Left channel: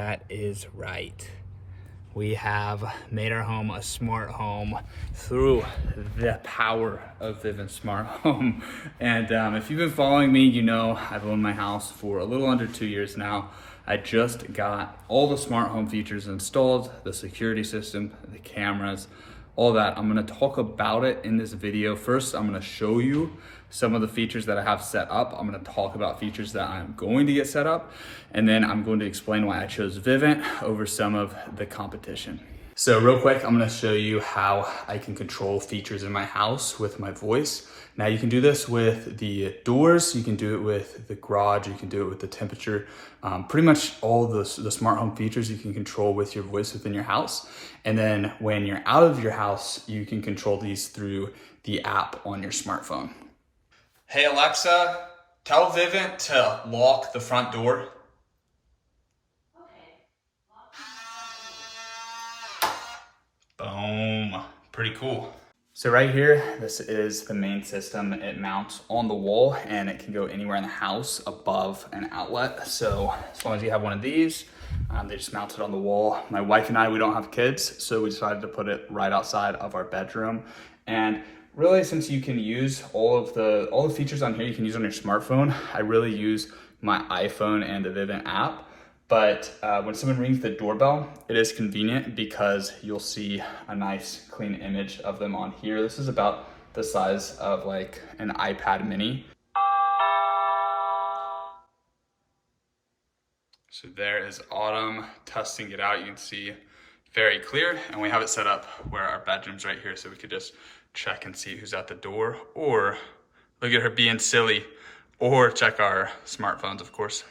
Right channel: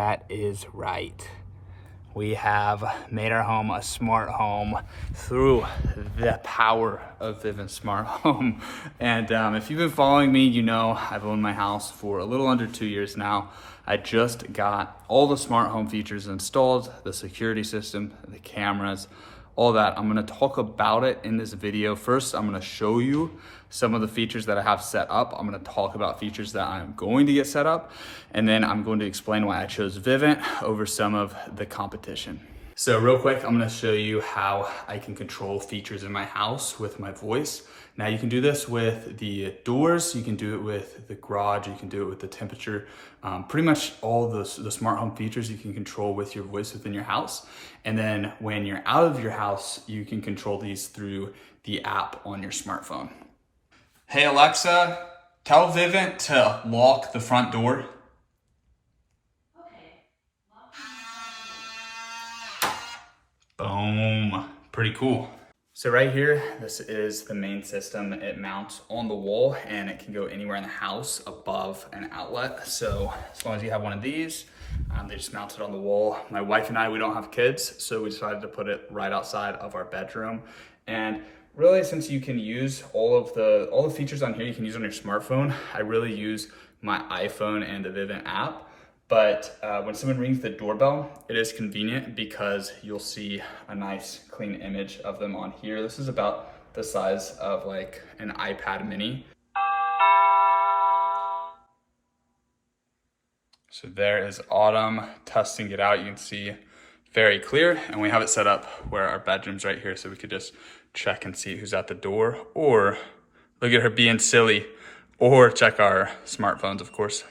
That is right. We have made our home a smart home through the power of Vivint Smart Home. And if you've been following me, you know I've owned my house for a little under 2 years now. I just got all the smart home features installed, the security system, the cameras, all that. I'm gonna talk about it in this video. First, I'm gonna show you some of the features that I have set up. I'm gonna talk about features that I'm going to get set up, and then I'm going to explain why I chose Vivint over some of the competition. So real quick, I'm gonna show you how I can control features in my house with my voice. Now you can do this with the doors, you can do it with the garage, you can do it with the temperature. Pretty much all the smart home features you can control with your voice within your house. And then when you're out of your house, you can control these through the app on your smartphone. Hey Alexa, tell Vivint to lock the front door. Okay. Boom, pretty cool. So right here, this is the main system. It mounts on the wall and it can go anywhere in the house above an outlet. So as long as you have one of these, they just mount it on the wall. My wife and I, we don't have kids, so we decided to put it right outside of our bedroom. And really, since you can use all the features on here, you can use on your smartphone. I really use my iPhone and the Vivint app. But when someone rings the doorbell, it is convenient because you'll see a nice clean image of them on here. This is about the size of like an iPad mini. So there is Autumn testing it out. You can see very clear, and we have it set up where our bedroom's right here, so we could just check and see who's at the door, or look at her being silly, or check our smartphones, of course.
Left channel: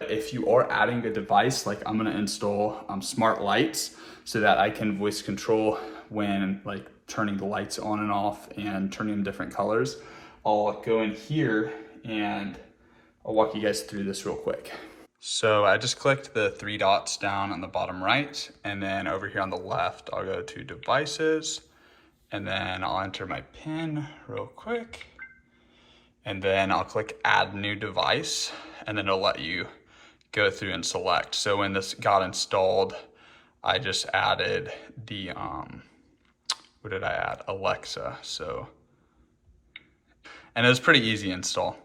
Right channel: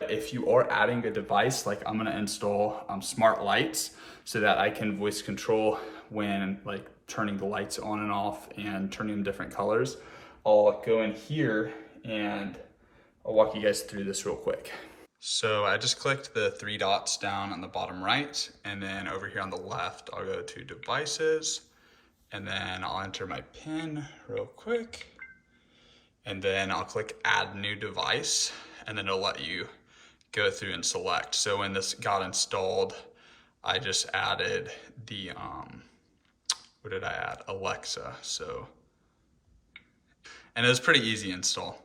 If you are adding a device, like I'm gonna install smart lights so that I can voice control when like turning the lights on and off and turning them different colors. I'll go in here and I'll walk you guys through this real quick. So I just clicked the three dots down on the bottom right, and then over here on the left, I'll go to devices, and then I'll enter my PIN real quick, and then I'll click add new device, and then it'll let you go through and select. So when this got installed, I just added the, what did I add? Alexa, so, and it was pretty easy install.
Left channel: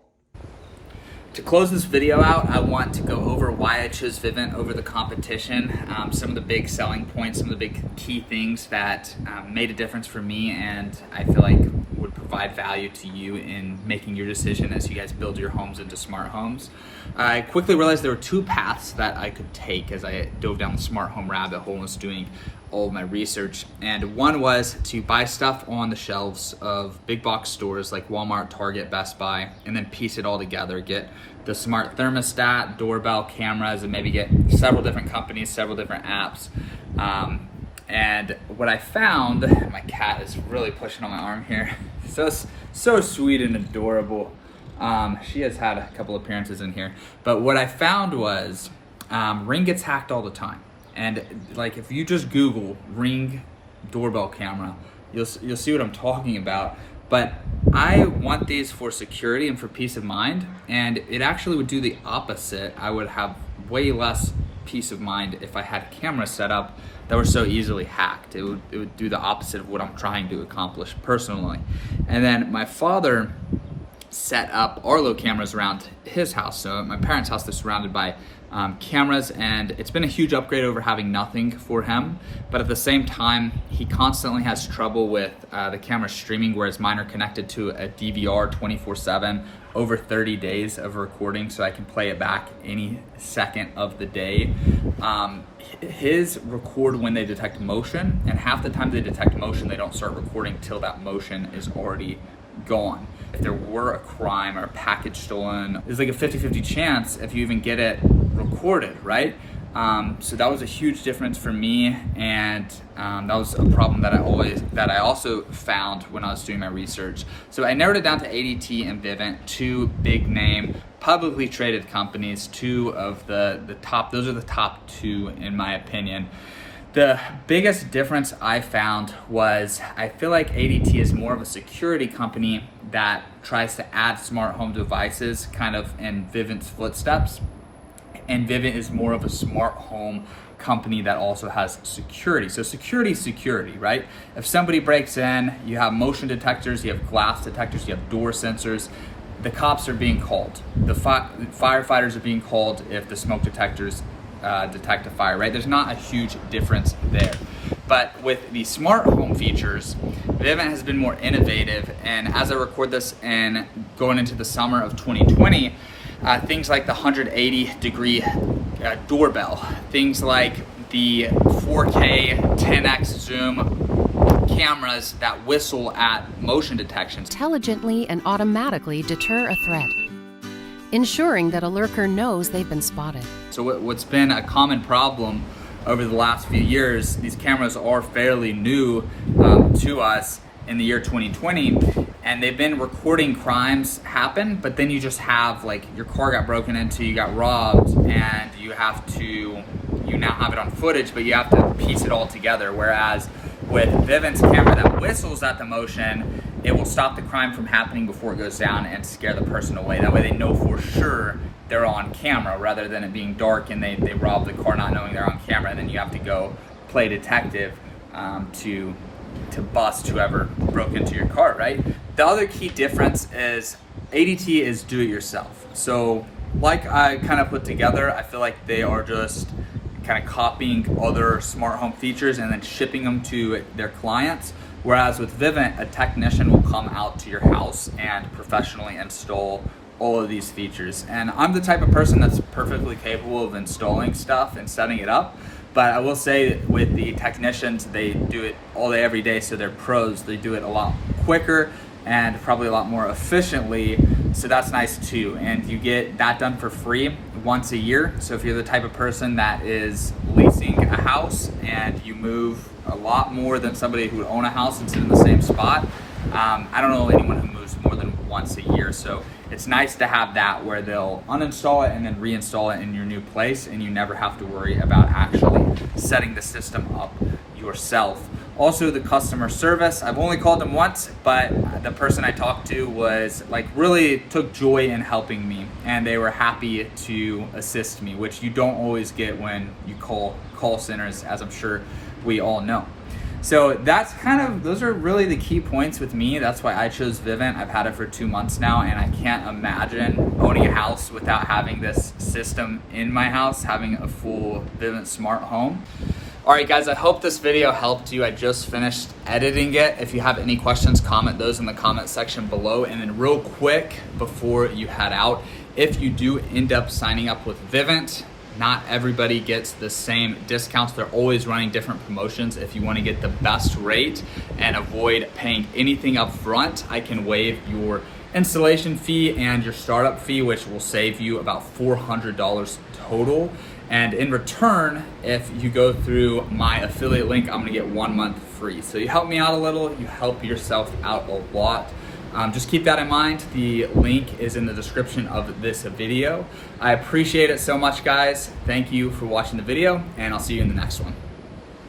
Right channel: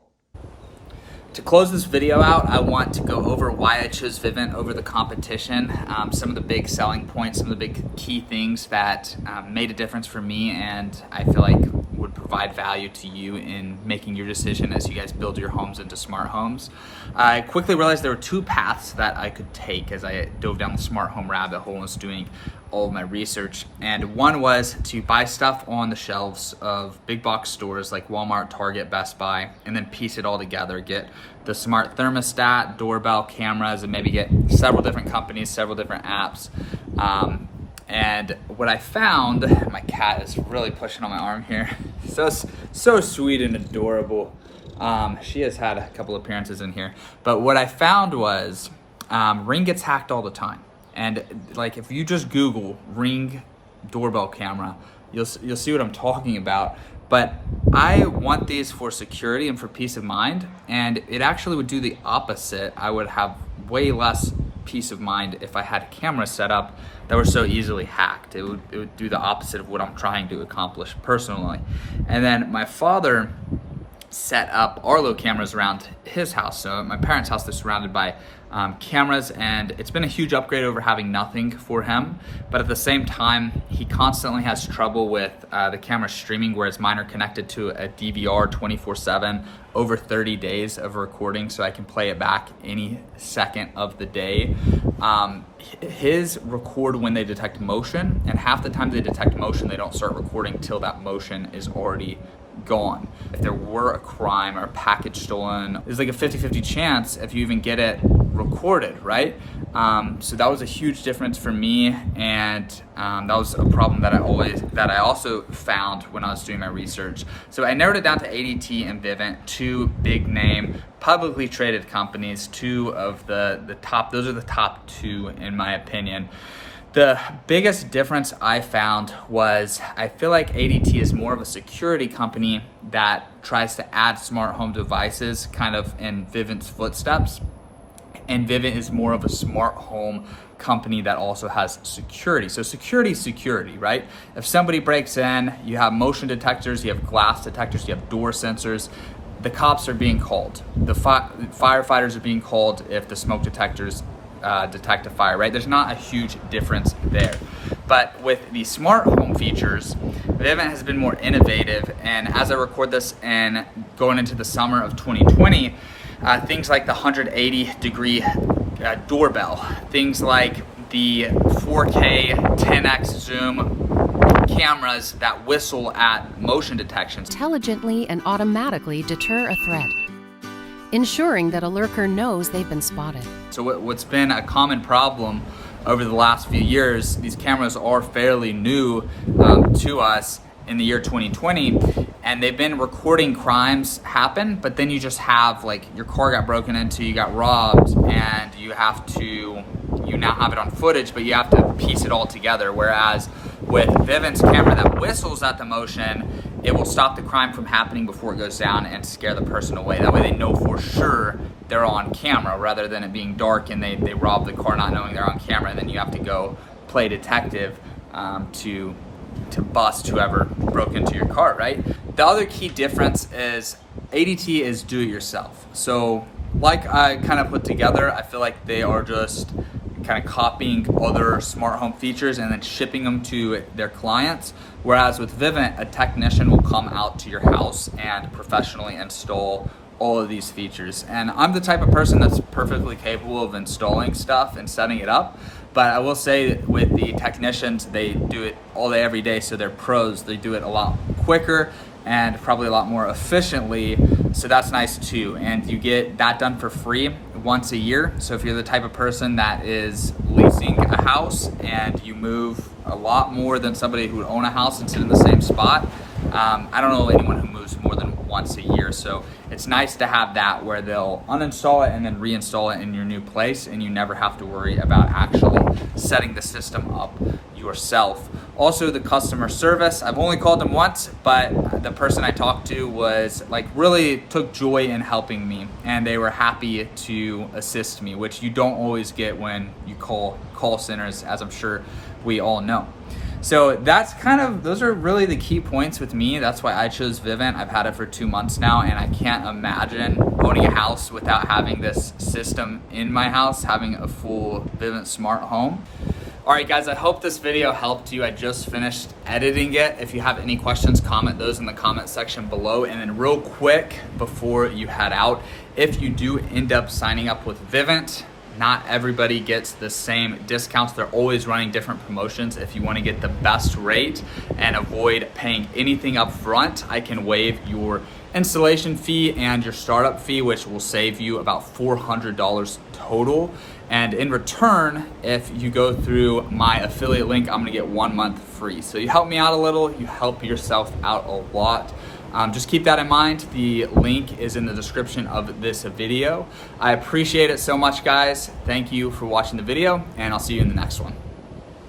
To close this video out, I want to go over why I chose Vivint over the competition, some of the big selling points, some of the big key things that made a difference for me and I feel like would provide value to you in making your decision as you guys build your homes into smart homes. I quickly realized there were two paths that I could take as I dove down the smart home rabbit hole and was doing all of my research. And one was to buy stuff on the shelves of big box stores like Walmart, Target, Best Buy, and then piece it all together, get the smart thermostat, doorbell cameras, and maybe get several different companies, several different apps. And what I found, my cat is really pushing on my arm here. So sweet and adorable. She has had a couple appearances in here. But what I found was Ring gets hacked all the time. And like if you just Google Ring doorbell camera, you'll see what I'm talking about. But I want these for security and for peace of mind, and it actually would do the opposite. I would have way less peace of mind if I had cameras set up that were so easily hacked. It would do the opposite of what I'm trying to accomplish personally. And then my father set up Arlo cameras around his house. So at my parents' house, they're surrounded by cameras, and it's been a huge upgrade over having nothing for him. But at the same time, he constantly has trouble with the camera streaming, whereas mine are connected to a DVR 24/7 over 30 days of recording, so I can play it back any second of the day. His record when they detect motion, and half the time they detect motion, they don't start recording till that motion is already gone. If there were a crime or a package stolen, there's like a 50-50 chance if you even get it recorded, right? So that was a huge difference for me, and that was a problem that I also found when I was doing my research. So I narrowed it down to ADT and Vivint, two big name, publicly traded companies, two of the top, those are the top two in my opinion. The biggest difference I found was I feel like ADT is more of a security company that tries to add smart home devices kind of in Vivint's footsteps. and Vivint is more of a smart home company that also has security. So security, right? If somebody breaks in, you have motion detectors, you have glass detectors, you have door sensors. The cops are being called. The firefighters are being called if the smoke detectors detect a fire, right? There's not a huge difference there. But with the smart home features, Vivint has been more innovative. And as I record this and going into the summer of 2020, things like the 180-degree doorbell, things like the 4K 10x zoom cameras that whistle at motion detections. Intelligently and automatically deter a threat, ensuring that a lurker knows they've been spotted. So what's been a common problem over the last few years, these cameras are fairly new to us in the year 2020, and they've been recording crimes happen, but then you just have, like, your car got broken into, you got robbed, and you now have it on footage, but you have to piece it all together. Whereas with Vivint's camera that whistles at the motion, it will stop the crime from happening before it goes down and scare the person away. That way they know for sure they're on camera, rather than it being dark and they rob the car not knowing they're on camera, and then you have to go play detective to bust whoever broke into your car, right? The other key difference is ADT is do-it-yourself. So like I kind of put together, I feel like they are just kind of copying other smart home features and then shipping them to their clients. Whereas with Vivint, a technician will come out to your house and professionally install all of these features. And I'm the type of person that's perfectly capable of installing stuff and setting it up. But I will say with the technicians, they do it all day, every day. So they're pros. They do it a lot quicker and probably a lot more efficiently. So that's nice too. And you get that done for free once a year. So if you're the type of person that is leasing a house and you move a lot more than somebody who would own a house and sit in the same spot, I don't know anyone who moves more than once a year. So it's nice to have that where they'll uninstall it and then reinstall it in your new place, and you never have to worry about actually setting the system up yourself. Also, the customer service, I've only called them once, but the person I talked to was like really took joy in helping me, and they were happy to assist me, which you don't always get when you call call centers, as I'm sure we all know. So that's those are really the key points with me. That's why I chose Vivint. I've had it for 2 months now, and I can't imagine owning a house without having this system in my house, having a full Vivint smart home. All right, guys, I hope this video helped you. I just finished editing it. If you have any questions, comment those in the comment section below. And then real quick, before you head out, if you do end up signing up with Vivint, not everybody gets the same discounts. They're always running different promotions. If you want to get the best rate and avoid paying anything up front, I can waive your installation fee and your startup fee, which will save you about $400 total. And in return, if you go through my affiliate link, I'm gonna get 1 month free. So you help me out a little, you help yourself out a lot. Just keep that in mind. The link is in the description of this video. I appreciate it so much, guys. Thank you for watching the video, and I'll see you in the next one.